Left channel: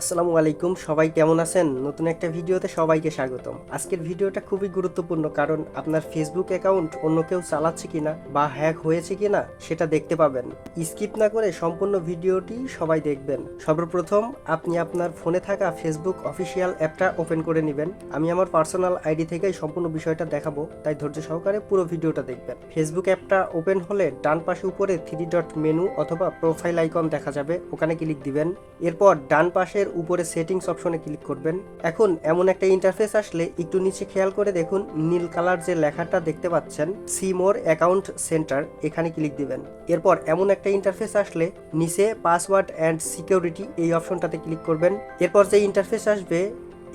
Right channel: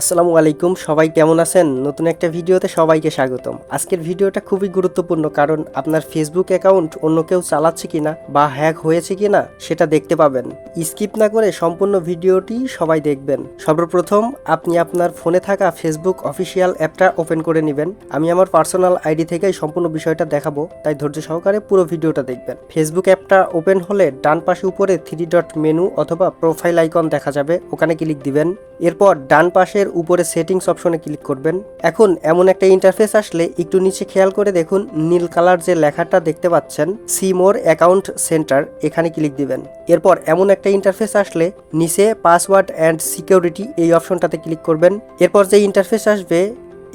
আসসালামু আলাইকুম, সবাই কেমন আছেন? নতুন একটা ভিডিওতে সবাইকে স্বাগতম। আজকের ভিডিওটা খুবই গুরুত্বপূর্ণ কারণ আপনার ফেসবুক অ্যাকাউন্ট অন্য কেউ চালাচ্ছে কিনা বা হ্যাক হয়েছে কিনা সেটা দেখতে পাবেন। স্কিপ না করে সম্পূর্ণ ভিডিওটি সবাই দেখবেন। সর্বপ্রথম আপনি আপনার ফোনে থাকা ফেসবুক অফিসিয়াল অ্যাপটা ওপেন করে নেবেন। আমি আমার পার্সোনাল আইডি থেকেই সম্পূর্ণ বিষয়টা দেখাবো, তাই ধৈর্য সহকারে পুরো ভিডিওটা দেখবেন। ফেসবুক অ্যাপটা ওপেন হলে ডান পাশে উপরে থ্রি ডট মেনু অথবা প্রোফাইল আইকন দেখা যাবে, ওখানে ক্লিক দিবেন। এরপর ডান পাশের উপরে সেটিংস অপশনে ক্লিক করবেন। এখন এমন একটা ইন্টারফেস আসলে একটু নিচে খেয়াল করে দেখুন, নীল কালার যে লেখাটা দেখতে পাচ্ছেন সিমোর অ্যাকাউন্ট সেন্টার এখানে ক্লিক দিবেন। এরপর এমন একটা ইন্টারফেস আসলে নিচে পাসওয়ার্ড অ্যান্ড সিকিউরিটি এই অপশনটাতে ক্লিক করবেন। এরপর যে ইন্টারফেস আসবে,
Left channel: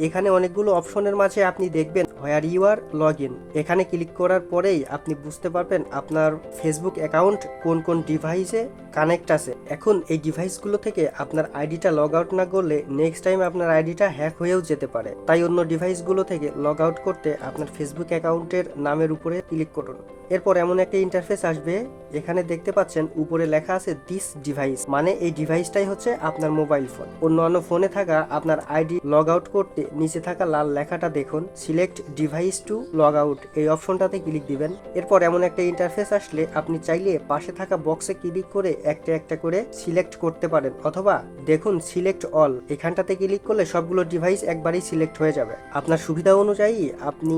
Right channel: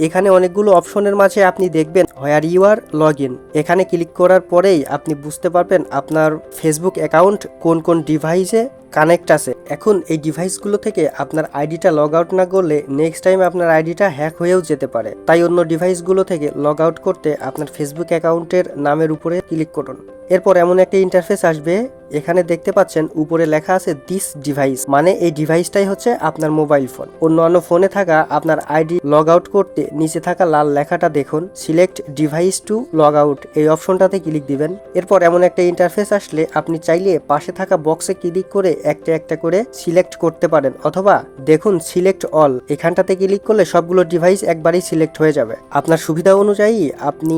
এখানে অনেকগুলো অপশনের মাঝে আপনি দেখবেন where you are log in এখানে ক্লিক করার পরেই আপনি বুঝতে পারবেন আপনার ফেসবুক অ্যাকাউন্ট কোন কোন ডিভাইসে কানেক্ট আছে। এখন এই ডিভাইসগুলো থেকে আপনার আইডিটা লগ আউট না করলে নেক্সট টাইম আপনার আইডিটা হ্যাক হয়েও যেতে পারে। তাই অন্য ডিভাইসগুলো থেকে লগ আউট করতে আপনার ফেসবুক অ্যাকাউন্টের নামের উপরে ক্লিক করুন। এরপর এমন একটা ইন্টারফেস আসবে, এখানে দেখতে পাচ্ছেন উপরে লেখা আছে দিস ডিভাইস মানে এই ডিভাইসটাই হচ্ছে আপনার মোবাইল ফোন। অন্যান্য ফোনে থাকা আপনার আইডি লগ আউট করতে নিচে থাকা লাল লেখাটা দেখুন। Select device to log out এই অপশনটাতে ক্লিক দিবেন। এরপর এমন একটা ইন্টারফেস আসলে আপনি চাইলে পাশে থাকা বক্সে ক্লিক করে একটা একটা করে সিলেক্ট করতে পারেন অথবা দেখুন সিলেক্ট অল এখানটাতে ক্লিক করলে সবগুলো ডিভাইস একবারেই সিলেক্ট হয়ে যাবে। আপনার সুবিধা অনুযায়ী আপনি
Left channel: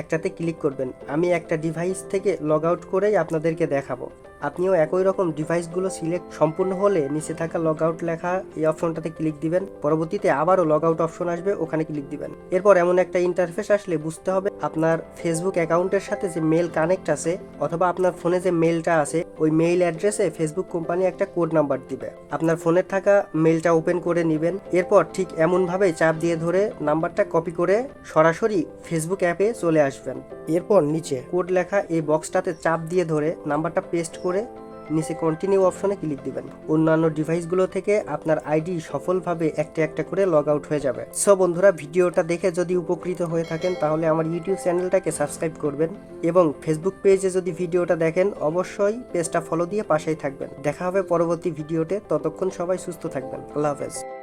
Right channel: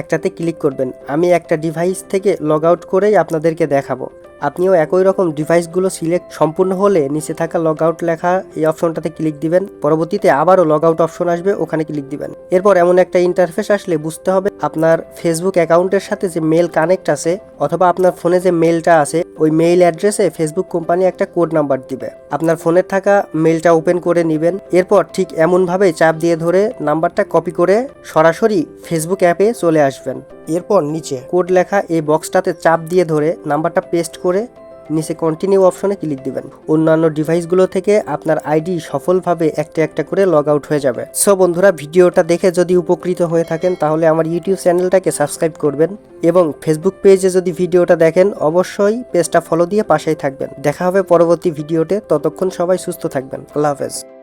একটাতে ক্লিক করবেন। আমি একটা ডিভাইস থেকে লগ আউট করেই আপনাদেরকে দেখাবো। আপনিও একই রকম ডিভাইসগুলো সিলেক্ট সম্পূর্ণ হলে নিচে থাকা লগ আউট লেখা এই অপশনটাতে ক্লিক দিবেন। পরবর্তীতে আবারও লগ আউট অপশন আসবে, ওখানে ক্লিক দিবেন। এরপর এমন একটা ইন্টারফেস আসলে বুঝতে হবে, আপনার ফেসবুক অ্যাকাউন্টের সাথে যে মেল কানেক্ট আছে অথবা আপনার ফোনে যে মেলটা আছে, ওই মেইল অ্যাড্রেসে ফেসবুক কোম্পানি একটা কোড নাম্বার দিবে। আপনার ফোনের থাকা মেলটা ওপেন করে নেবেন। এরপর ঠিক এমনভাবে চাপ দিয়ে ধরে নাম্বারটা কপি করে সরাসরি ফেসবুক অ্যাপে চলে আসবেন। এরপর নিচে কোড লেখা এই বক্সটাতে চাপ দিয়ে ধরে নাম্বারটা পেস্ট করে নিচে কন্টিনিউ অপশনে ক্লিক দিবেন। অন্যান্য ডিভাইসগুলো থেকে আপনার আইডি সফলভাবে একটা একটা করে লগ আউট হয়ে যাবে। সো বন্ধুরা, ভিডিওটা দেখে যদি উপকৃত হয়ে থাকেন, তাহলে আমার ইউটিউব চ্যানেলটাকে সাবস্ক্রাইব করবেন এবং ফেসবুক পেজে যদি ভিডিওটা দেখেন, অবশ্যই পেজটা ফলো দিয়ে পাশেই থাকবেন। দেখা হবে পরবর্তী ভিডিওতে। ততক্ষণ সবাই সুস্থ থাকবেন। আল্লাহ হাফেজ।